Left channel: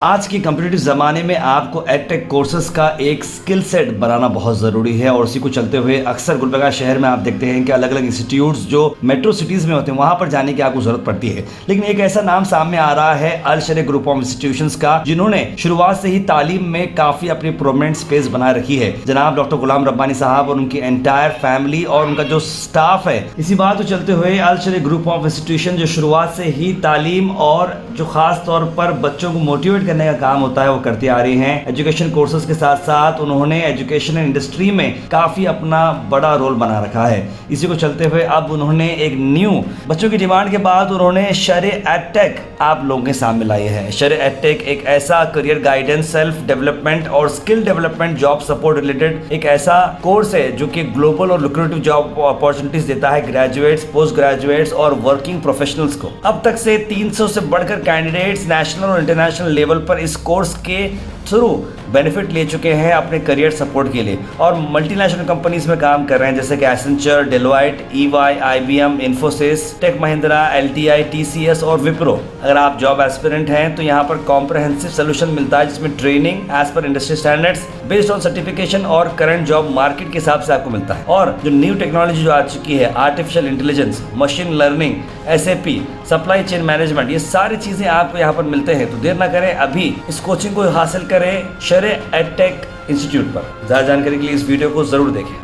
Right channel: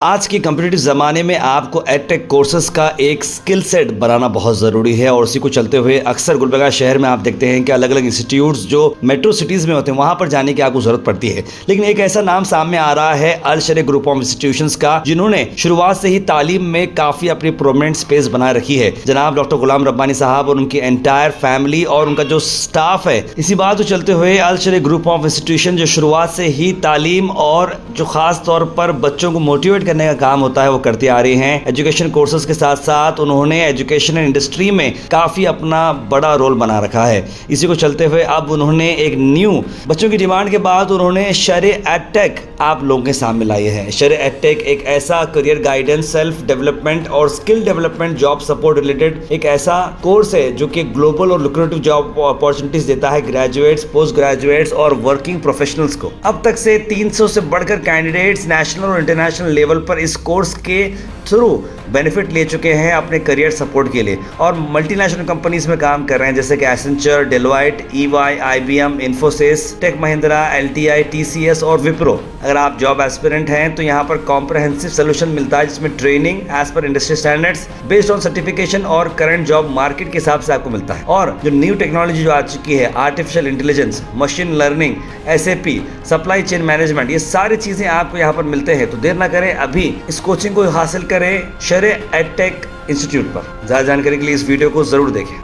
आज के कम्पिटिटिव ज़माने में आपको एडटेक कोर्सेज का एक स्किल सेट बनाना बहुत ज़रूरी है और उसी को चलते हुए अक्सर गुलबर्गा शहर में आप देखते हैं कि अलग अलग इंस्टीट्यूट्स जो मेट्रो सिटीज़ में होते हैं वहाँ पर जाने की आपको ज़रूरत पड़ती है। लेकिन एक ऐसा नाम सामने आ रहा है अल शरीय ग्रुप ऑफ इंस्टीट्यूशंस का, जिन्होंने शुरुआत से ही तालीम में काफ़ी अपनी प्रोमिनेंट स्पेस बना रखी है। जनाब डॉक्टर गुलाम रब्बानी साहब और उनकी एंटायर फैमिली और उनका जो स्टाफ है। इसी बात को चलते हुए अल शरीय ग्रुप ऑफ इंस्टीट्यूशन जो शुरुआत से ही तालीम और जो खास तौर पर बच्चों को मोटिवेट करने का काम होता है वो करती आ रही हैं। एजुकेशन कोर्सेज के साथ साथ उन्होंने एजुकेशन इंडस्ट्री में काफ़ी अपना बड़ा रोल बना रखा है। इसी को चलते हुए अब उन्होंने एक न्यू बच्चों की डिमांड के बाद उन्होंने शरीय एडटेक आप लोगों के सामने लाए हैं। शरीय एडटेक एक ऐसा करियर गाइडेंस, सेल्फ डेवलपमेंट और skill development, job support related एक ऐसा कोर्स है जो कि ग्लोबल और लुक्रेटिव जॉब अपॉर्चुनिटीज देता है ग्रेजुएट्स, पोस्ट ग्रेजुएट्स और वर्किंग प्रोफेशनल्स को। अब तक से 300 से बढ़कर कैंडिडेट्स नेशनल और इंटरनेशनल लेवल पर इस कोर्स के थ्रू बेनिफिट ले चुके हैं अपने करियर सपोर्ट के लिए और मल्टीनेशनल कंपनीज में काम कर रहे हैं, जैसे कि Accenture, Deloitte, EY, IBM, Infosys, tech Mahindra, LTI, TCS और विप्रो। अगर आप जॉब एस्पिरेंट हैं तो यहाँ पर कॉम्प्रहेंसिव सोल्यूशन मिलता है, जिसमें training as per industry standards based on certification और करंट जॉब मार्केट के हिसाब से आपको मिलता है। और जो न्यू टेक्नोलॉजी जो आ चुकी है, artificial intelligence, machine learning, SAP, supply chain management, ये सारी चीज़ें आपको यहाँ पर मिलते हैं। तो देर ना करें, अभी इस कोचिंग को हासिल करें शरीय एडटेक इंस्टीट्यूट पर। ज़्यादा जानकारी के लिए इस वीडियो को ज़रूर देखें।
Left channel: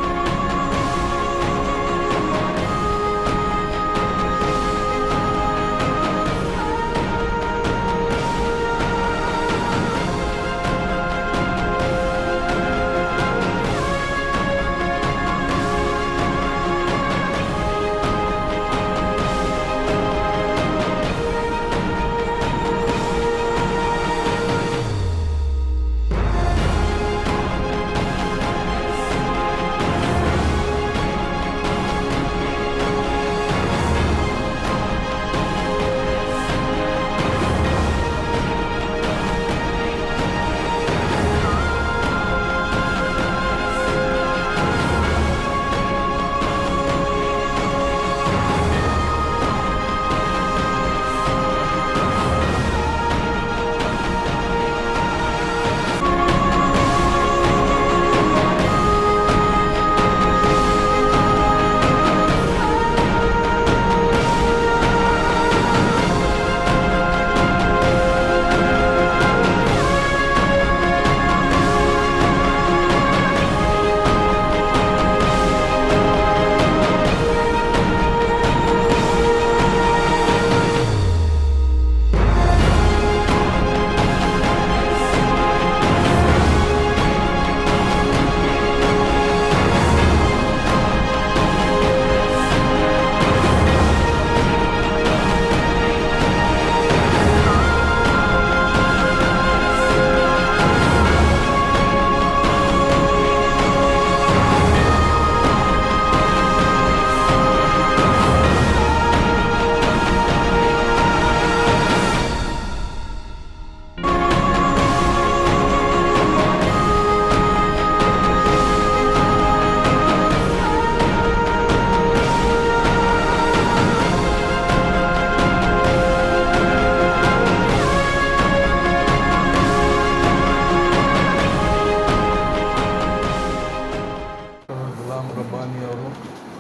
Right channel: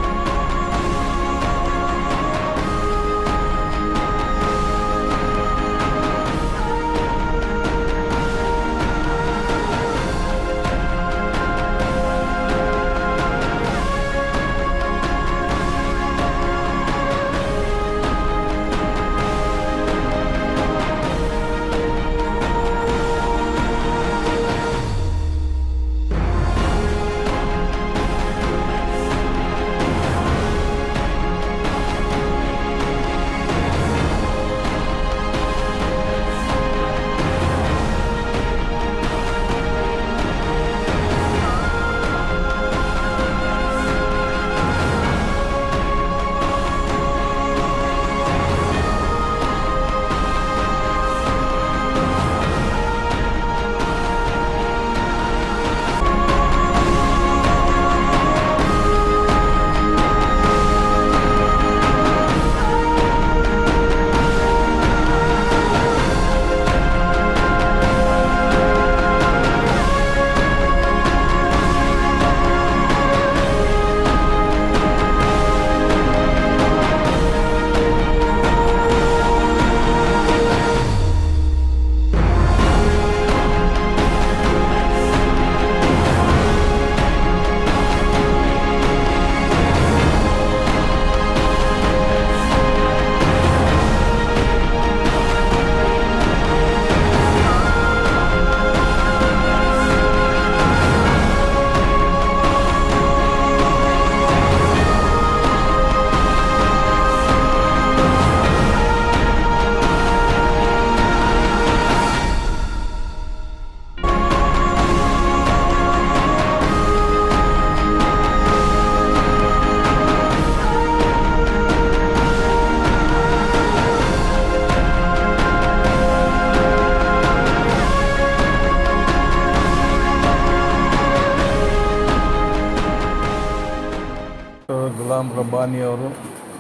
ಗುಲಾಮ್ ರಬ್ಬಾನಿಯವರು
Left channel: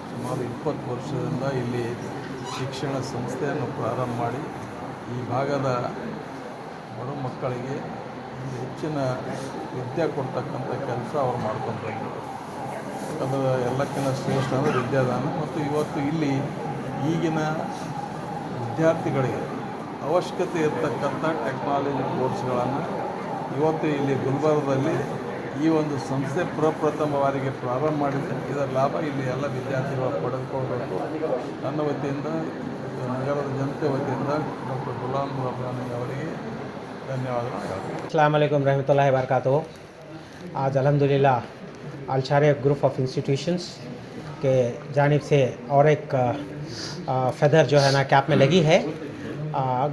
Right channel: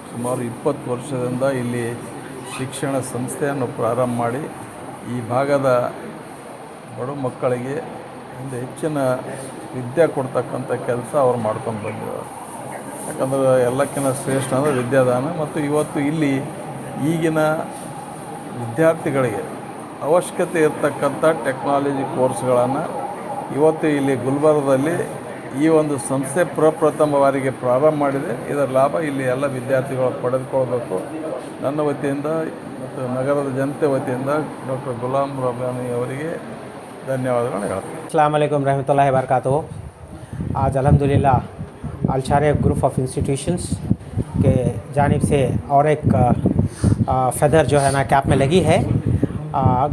ಸುಮಾರು 20 ವರ್ಷದಿಂದ ಇಲ್ಲಿ ಶಿಕ್ಷಣ ಸಂಸ್ಥೆಯನ್ನು ಪ್ರಾರಂಭ ಮಾಡಿ ಈ ಭಾಗದ ಬಡ ಮಕ್ಕಳಿಗೆ ಒಂದು ಹೆಚ್ಚಿನ ವಿದ್ಯೆ ಕೊಡ್ತಕ್ಕಂಥ ಕೆಲಸ ಅವ್ರು ಮಾಡ್ಕೊಂಡು ಬಂದರು. ಯಾಕಂದರೆ ಎಲ್ಲಕ್ಕಿಂತ ಶ್ರೇಷ್ಠ ಅಂದರೆ ವಿದ್ಯಾದಾನ. ಮತ್ತು ಇವತ್ತು ಇಲ್ಲಿ ಈಗಿನ ವಿದ್ಯಾರ್ಥಿಗಳಿಗೆ ಅವಶ್ಯಕತೆ ಇರತಕ್ಕಂಥ ಟೆಕ್ನಾಲಜಿ ಕೋರ್ಸ್ಗಳನ್ನು ಇವತ್ತು ಇಲ್ಲಿ ಗುಲ್ಬರ್ಗದಲ್ಲಿ ಈ ಒಂದು ಸಂಸ್ಥೆ ಪ್ರಪ್ರಥಮ ಬಾರಿಗೆ ಪ್ರಾರಂಭ ಮಾಡಿದೆ. ಇದರ ಲಾಭ ಇಲ್ಲಿ ಎಲ್ಲ ವಿದ್ಯಾರ್ಥಿಗಳು ಪಡೆದುಕೊಳ್ಬೇಕು. ನನ್ನ ವತಿಯಿಂದ ಮತ್ತು ನಗರದ ಜನತೆ ವತಿಯಿಂದ ಡಾಕ್ಟರ್ ಗುಲಾಮ್ ರಬ್ಬಾನಿ ಅವರಿಗೆ ಧನ್ಯವಾದಗಳು ಹೇಳ್ತೀನಿ. अस्सलाम वालेकुम रहमतुल्लाहि व बरकातुहू। आज अल्हम्दुलिल्लाह अल शरीय ग्रुप ऑफ इंस्टीट्यूशंस के जानिब से और एक फेदर जो है ना कैप में लगी है।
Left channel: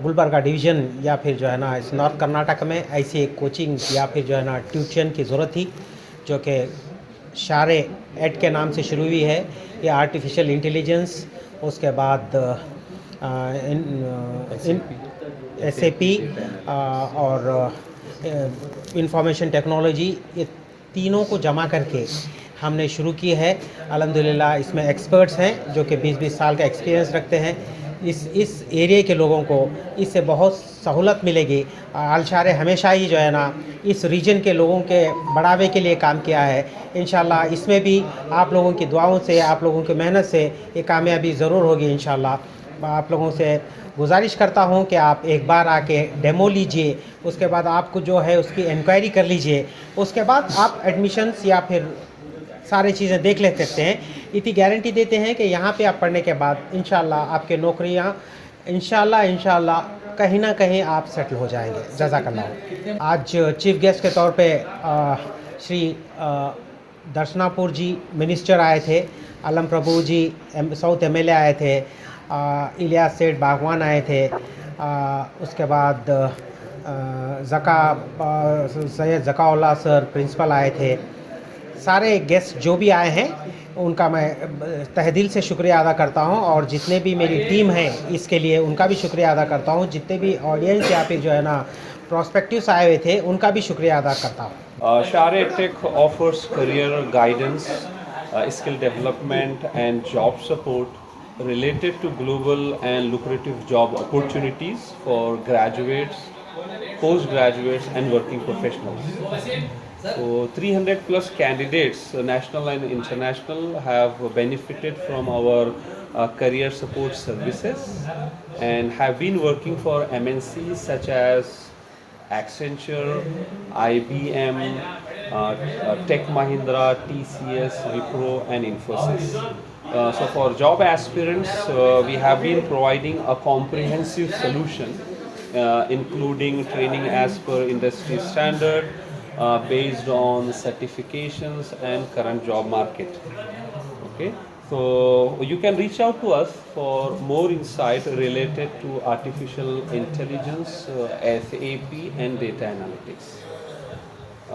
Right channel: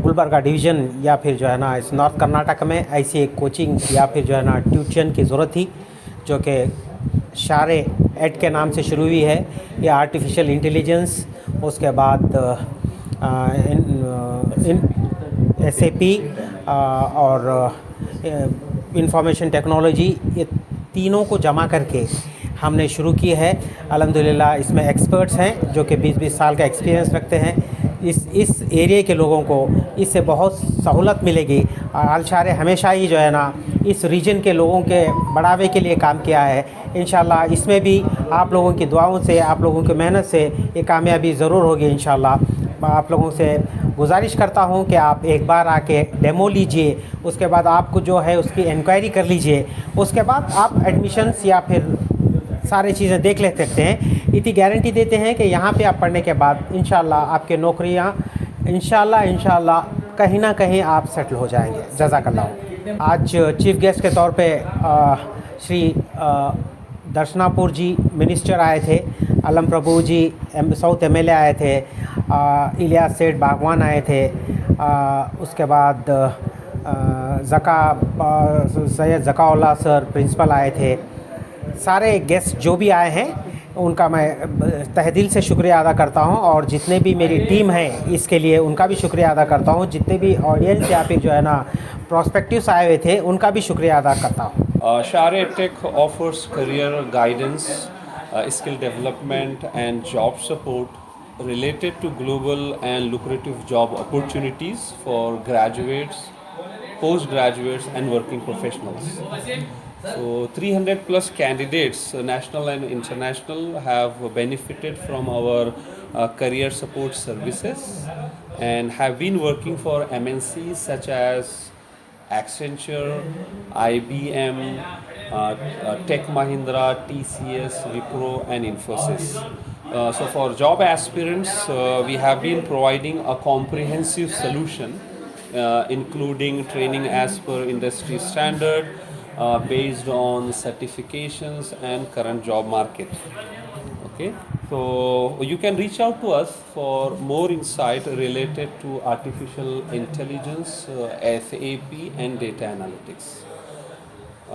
गुलबर्गा डिवीज़न या फिर जो है ना इस नॉर्थ कर्नाटक में ऐसी एक कोचिंग या फिर जो है ना ट्यूशन की ज़रूरत थी, जो कि शरीय एड के नाम से शुरू हुई है। ये आर्टिफिशियल इंटेलिजेंस, उसके बाद SAP, और इंफॉर्मेशन टेक्नोलॉजी, ये तीनों को जमा करके हमने शुरू की है। अल्हम्दुलिल्लाह इसमें एक्सपर्ट्स हैं जो कि 20-20 साल का एक्सपीरियंस रखते हैं। इस एरिया के लोगों को इससे बहुत सहूलत मिलेगी। अलशारे हमेशा ही जो है ना इस रीजन के लोगों के बढ़ावे के लिए काम किया है। इंशाल्लाह इसमें भी आप लोगों की दुआओं से, आप लोगों की मेहनत से ये कामयाबी ज़रूर होगी इंशाल्लाह। मैं आप लोगों से गुजारिश करता हूं कि आप एक बार आके डेमो लीजिए, उसके बाद आपको जो है उसकी इंक्वायरी कर लीजिए, उसके बाद आप एडमिशन्स या फिर सारी चीज़ें देख ले सकते हैं। इतनी गारंटी देते हैं कि यहाँ पे आप पढ़ने के बाद इंशाल्लाह आपके नौकरियाँ इंशाल्लाह कहीं ना कहीं आप सेटल हो जाएंगे। जज़ाकल्लाह। आज चीफ गेस्ट के तौर पे श्री दर्शनापुर जी मिनिस्टर आए थे, अलम प्रभु जी साउथ एमएलए आए थे, इलियास सेठ बागवान आए थे, उसके बाद सैयद ज़काउल्लाह सर प्रिंसिपल आए थे। सारे गेस्ट जो भी आए हैं उनका मैं तहे दिल से शुक्रिया अदा करता हूं, और जितने भी मेरी टीम है इसके लिए उनका भी शुक्रिया अदा करता हूं। जितने भी ऑडियंस या फिर जो है ना प्रोस्पेक्टिव्स आए हुए थे उनका भी शुक्रिया अदा करता हूं। Share Tech offers career guidance, skill development, and job support related to global and lucrative job opportunities for graduates, postgraduates, and working professionals. So, 300 plus candidates, national and international, have benefited from our career support services and have been working for MNCs such as Accenture, IBM, Tech Mahindra, TCS, Wipro, and Infosys. So for job aspirants, we have been providing a comprehensive solution, including training as per industry standard, based on certifications and current job market. Okay, so you can reach out to us for more insight related to artificial intelligence, SAP, and data analytics.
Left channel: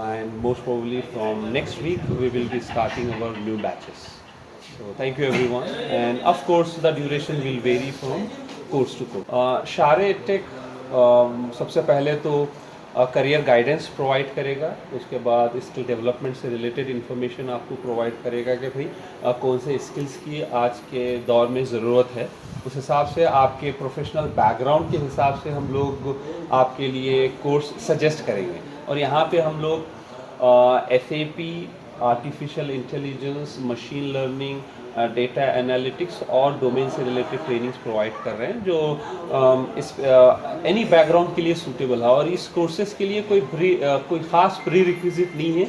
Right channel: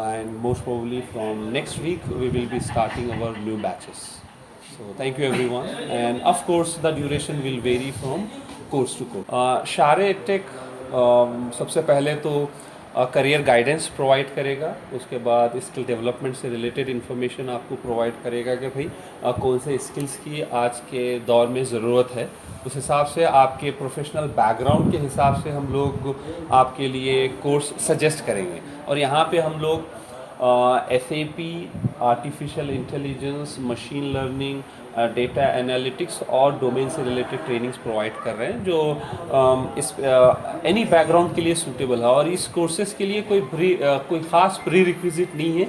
And most probably from next week we will be starting our new batches. So thank you everyone, and of course the duration will vary from course to course. Share Tech सबसे पहले तो career guidance provide करेगा, उसके बाद skill development से related information आपको provide करेगा कि भाई कौन से स्किल्स की आज के दौर में ज़रूरत है। उस हिसाब से आपके प्रोफेशनल बैकग्राउंड के हिसाब से हम लोग आपके लिए कोर्स सजेस्ट करेंगे। और यहाँ पे हम लोग SAP, artificial intelligence, machine learning, data analytics और डोमेन से रिलेटेड ट्रेनिंग्स प्रोवाइड कर रहे हैं जो इस एनी बैकग्राउंड के लिए सूटेबल है। और इस कोर्सेज़ के लिए कोई ख़ास प्री रिक्विजिट नहीं है।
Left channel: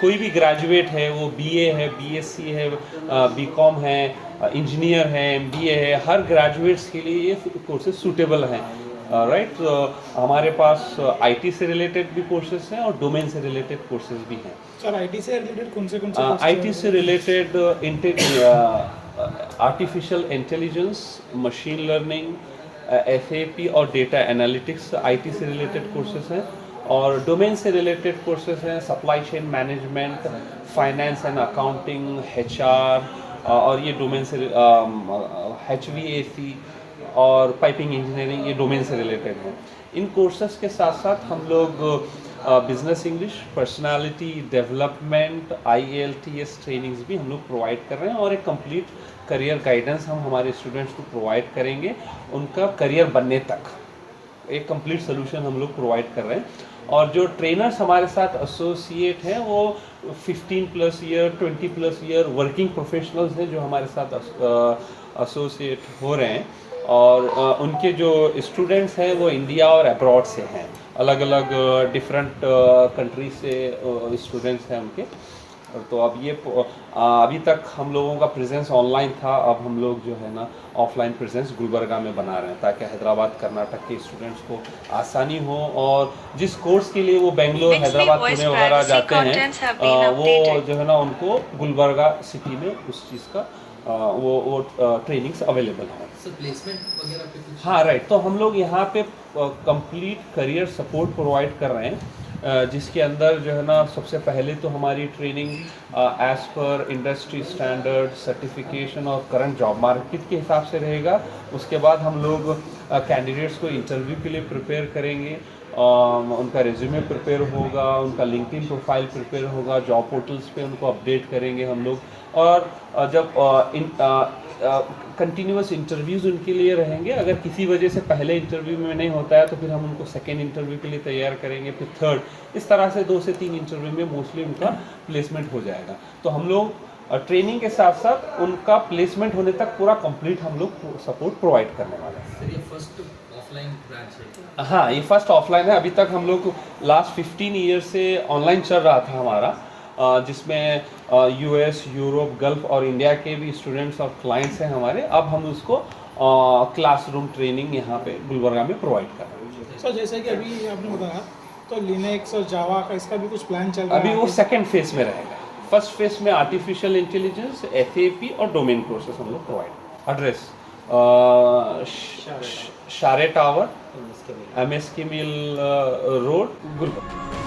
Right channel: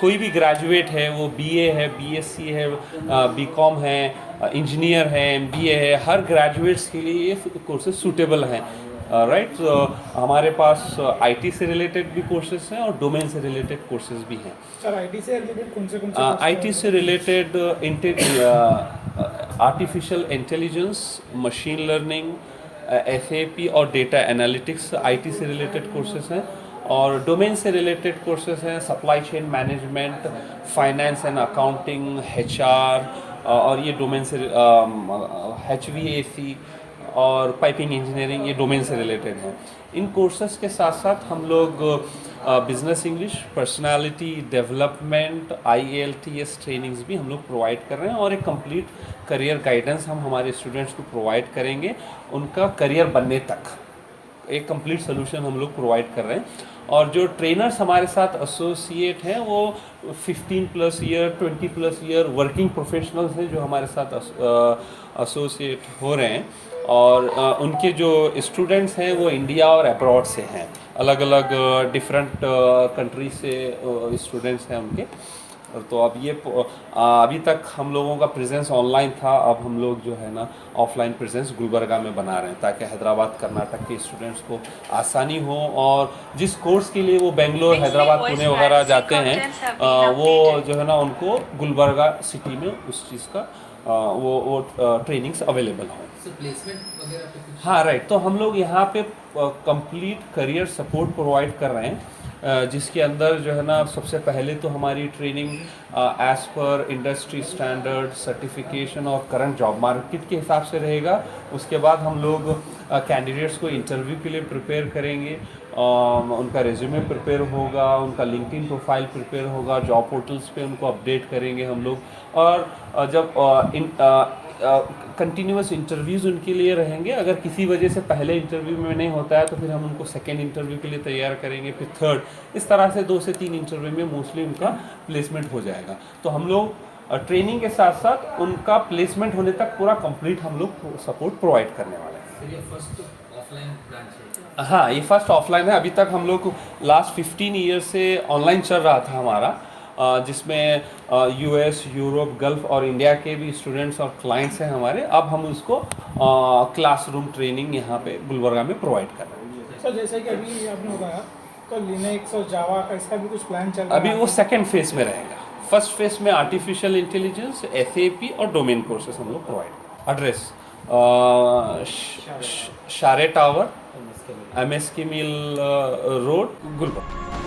कोई भी ग्रेजुएट है, वो BA है, BSc है, BCom है, इंजीनियर है, MBA है, हर ग्रेजुएट्स के लिए ये कोर्सेज सूटेबल हैं। राइट, हमारे पास IT से रिलेटेड भी कोर्सेज हैं और डोमेन से रिलेटेड कोर्सेज भी हैं। सर IT से रिलेटेड कौन से IT से related artificial intelligence, machine learning, SAP और डेटा एनालिटिक्स IT से रिलेटेड कोर्सेज हैं। और डोमेन से रिलेटेड कोर्सेज हैं supply chain management, finance and accounting, HR, और ये डोमेन से HVAC और पाइपिंग इंजीनियरिंग, ये डोमेन से रिलेटेड हैं। इन कोर्सेज के साथ साथ हम लोग business English, personality development, IELTS trainings भी हम लोग प्रोवाइड कर रहे हैं, और एक कंप्लीट करियर गाइडेंस हम हमारे स्टूडेंट्स को प्रोवाइड करेंगे उनका करियर बनने तक। एक कंप्लीट सोल्यूशन हम लोग प्रोवाइड कर रहे हैं। और जो ट्रेनर्स हमारे साथ एसोसिएट हैं वो 15 plus year, 20 plus year working professionals हैं जो हमारे साथ एसोसिएट हो रहे हैं। और उनके जो स्टूडेंट्स हैं वो इंडिया और अब्रॉड से हैं, अलग अलग डिफरेंट कंट्री से स्टूडेंट्स हैं उनके। तो अब ये अभी तक हम लोगों का प्रेजेंस ऑनलाइन था, अब हम लोग जो है ना ऑफलाइन प्रेजेंस गुलबर्गा में बना रहे हैं ताकि हैदराबाद कर्नाटक के स्टूडेंट्स को आसानी हो। और जिस कोर्स के लिए वो बेंगलोर, हैदराबाद, पुणे वगैरह जाते हैं वो जो है ना उनको गुलबर्गा सिटी में उस चीज़ का वो ट्रेनिंग्स अवेलेबल हैं। हाँ राइट, तो हम लोग यहाँ पे कंप्लीट करियर सपोर्ट प्रोवाइड कर रहे हैं। जिसके अंदर जो है ना सबसे पहले तो हमारी training as per industry standard certification और करंट जॉब मार्केट के हिसाब से रहेगा। उसके बाद हम लोग कैंडिडेट्स को इंटरव्यू के लिए प्रिपेयर करेंगे, उनका रिज्यूमे प्रिपेयर होगा, उनका लिंक्डइन प्रोफाइल प्रिपेयर होगा, जॉब पोर्टल्स पे उनको अपडेट करेंगे हम लोग। और जब कंटिन्यूस इंटरव्यूज़ उनके लिए रहेंगे, अगर किसी वजह से पहले इंटरव्यू में नहीं होता है तो फिर हम उनको सेकेंड इंटरव्यू के लिए तैयार करेंगे, फिर थर्ड, इस तरह से 2 से 3 इंटरव्यू में मोस्टली उनका प्लेसमेंट हो जाएगा। तो हम लोग ट्रेनिंग के साथ साथ उनका प्लेसमेंट होने तक पूरा कंप्लीट हम लोग सपोर्ट प्रोवाइड करने वाले हैं। ये फर्स्ट ऑफलाइन ब्रांच है? हाँ, ये फर्स्ट ऑफलाइन है। अभी तक हम लोग लास्ट 15 ईयर से ऑनलाइन चल रहा था हमारा, जिसमें यूएस, यूरोप, गल्फ और इंडिया के भी स्टूडेंट्स और क्लाइंट्स हैं हमारे। अब हम उसको क्लासरूम ट्रेनिंग यहाँ पे गुलबर्गा में प्रोवाइड कर रहे हैं। सर जैसे कि अभी आपने बताया तो लिनक्स और जावा का इसका भी कुछ प्लान चल रहा है? अभी वो सेकेंड फेज में रहेगा। फर्स्ट फेज में आर्टिफिशियल इंटेलिजेंस, एसएपी और डोमेन कोर्सेस हम लोग प्रोवाइड। एड्रेस शारे tower, MSK mill road, Gulbarga.